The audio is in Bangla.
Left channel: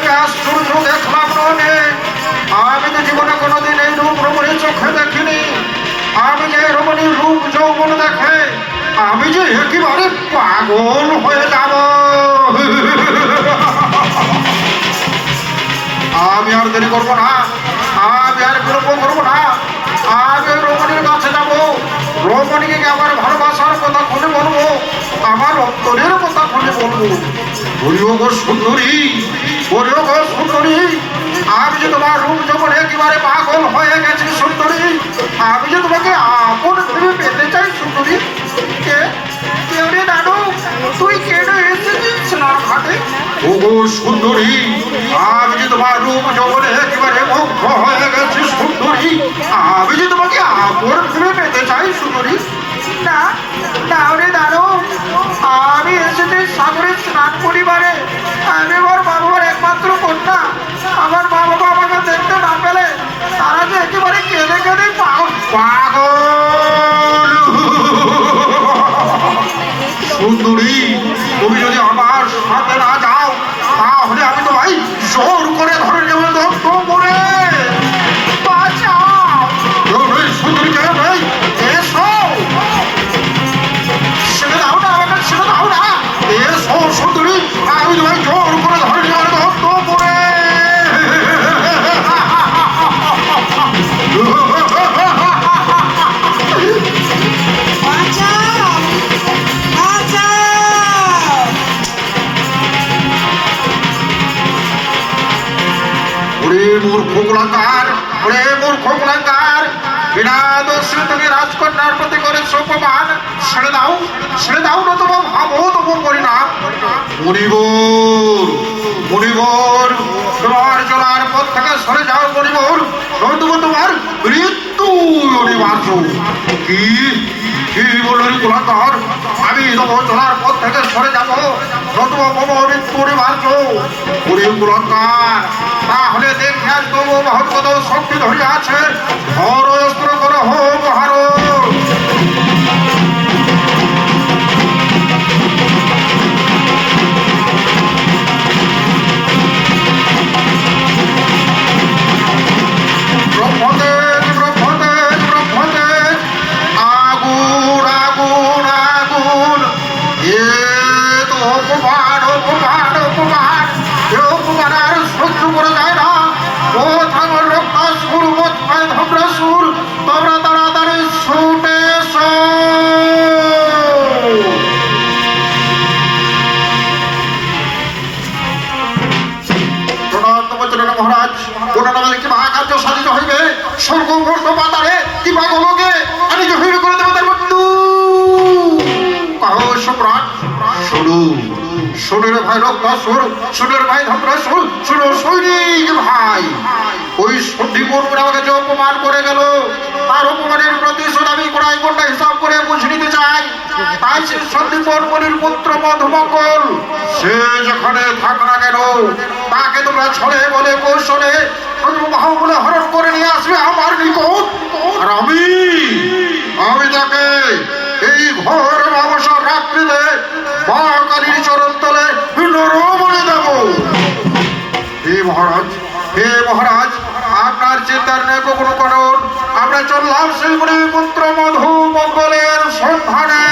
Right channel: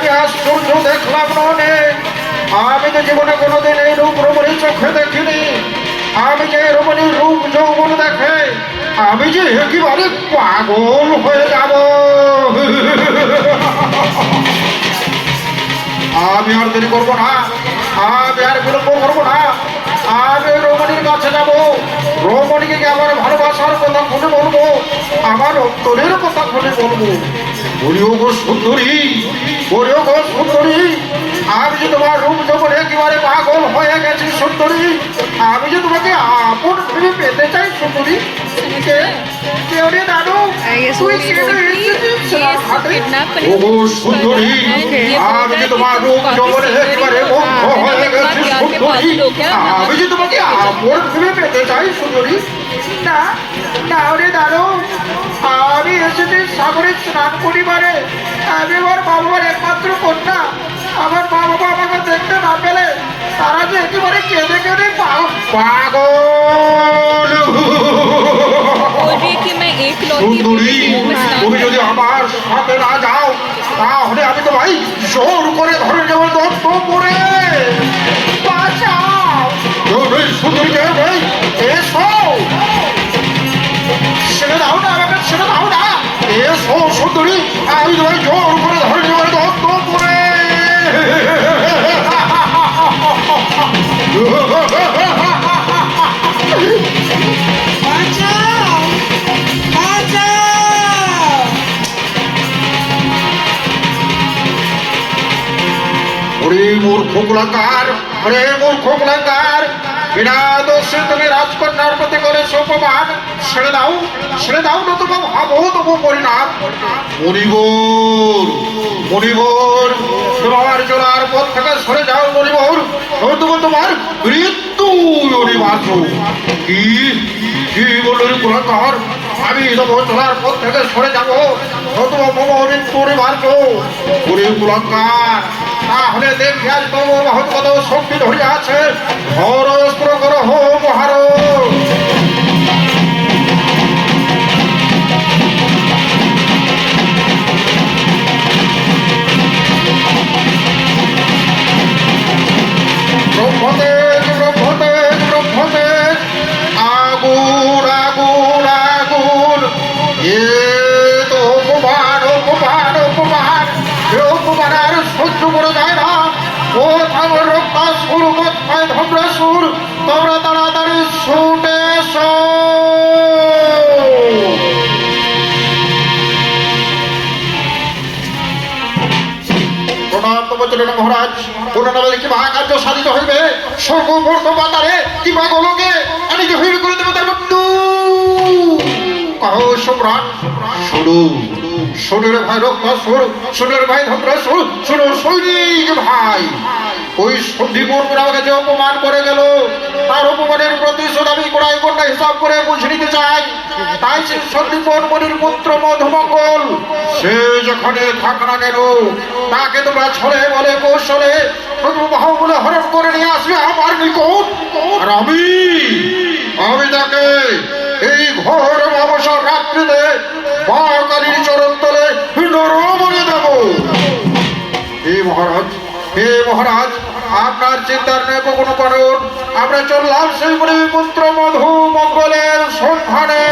আমি আশ্চর্য দেখলাম নয়, আমি তো জীবনে কোনোদিন এই রূপ রমণীর চোখে দেখিনি। আমি যে রমণীর রূপ যৌবন দেখে আমি যে একেবারে পাগল হয়ে যাব। আমি আর দেরি করবো না, আমি আর বিলম্ব করবো না, আমি ওই রমণীর কাছে যাবো। রমণীকে আমার ভালোবাসার কথা খুলে বলবো, আমার অন্তরের কথা খুলে বলবো। বলিও গো সুন্দরী, বলিও গো সুন্দরী, আমি যে তোমার রূপ যখন একেবারে পাগল হয়ে গেছি সুন্দরী, আমি যে তোমাকে আপন ভেবে পেতে চাই সুন্দরী। কেউ রে দাদু, তুই কেন এসেছিস না ঘাটে? ও গো সুন্দরী, আমি যে তোমার রূপ যখন একেবারে মুগ্ধ হয়ে গেছি সুন্দরী, আমি যে তোমাকে আপন ভেবে পেতে চাই সুন্দরী। না না রে দাদু, আমি এসেছি সাগরে স্নান করিবারে। আমি আমার বাবার একমাত্র কন্যা। আমার মা বাবা আমাকে দেখতে না পেলে তারা যে একেবারে কেঁদে কেঁদে পাগল। সুন্দরী, তুমি যদি আমার সাথে না যাও তাহলে আমি তো ভাই জোর করে ধরে যাবো দত্ত করে। সুন্দরীকে ভাই এসো, ছেড়ে দাও না আমাকে, ছেড়ে দাও না। এসো সুন্দরী, আমি তো ভাই জোর করে ধরে যাবো দত্ত করে। মূর্খ কুলাঙ্গার, ওরে মূর্খ কুলাঙ্গার, বিনা দোষে তুমি রাজকন্যার প্রতি করে অপমান। ছেড়ে দাও, ছেড়ে দাও না, তোমার ভাবো তবু পরিণাম। মণিবর, মণিবর, তোমার চলার পথ থেকে সরে যাও মণিবর, তবু তোমার মৃত্যু অনিবার্য। কি কি বললি কুলাঙ্গার? আমি তোমার চলার পথ থেকে সরে যাবো, তবু মম মৃত্যু অনিবার্য। ওরে কুলাঙ্গার, তাহলে দেখে আসবো মহৎ কত শক্তি ধরে আছে। ধর অস্ত্র কর হো মহার। ব্রহ্মতেজ ব্রহ্মতেজ ব্রহ্মতেজ, আগুন আগুন আগুন। এ তো অপমান অপমান অপমান, অপমান আর সহ্য করে যায় না। ও ঠাকুর রক্তাসুর, মধ্যায় ধবরাসুর, তোমরা তাড়াতাড়ি ছুটে এসো। মহারাজ, কোন নামে কি মহাকার্য সাধিত হইবে, স্বর্গমূর্ত পাতারে কিংবা গোলকে আমি যে হইবে করে দেবো তার বন্ধু। সম্রাট শুরু, শোনের ভাই রক্তাসুর, শোনের ভাই ধবরাসুর, শোনো সৈনিক ভাই। ওই সন্দীপন আমাকে যে অপমান করে গেল, তার অপমানের প্রতিশোধ আমি কোড়াই কোনটা হিসাব করে বুঝে নিতে চাই। তাই সে সন্দীপন মনির পুত্র মধুমঙ্গল, সে যেখানে থাক না কেন তাকে তোমরা ছলে বলে কৌশলে বলে হরণ করে নিয়ে আসবে আমার নিকট। আর আমি তাকে এই ঘোর অবসর রাত্রিতে মহাকালীর চরণ তলে নরবলি দেব। হে মহারাজ, হে মহারাজ, আপনার চিন্তার নেই কোনো কারণ। আমরা চললাম সেই পুত্র মধুমঙ্গলের সন্ধানে।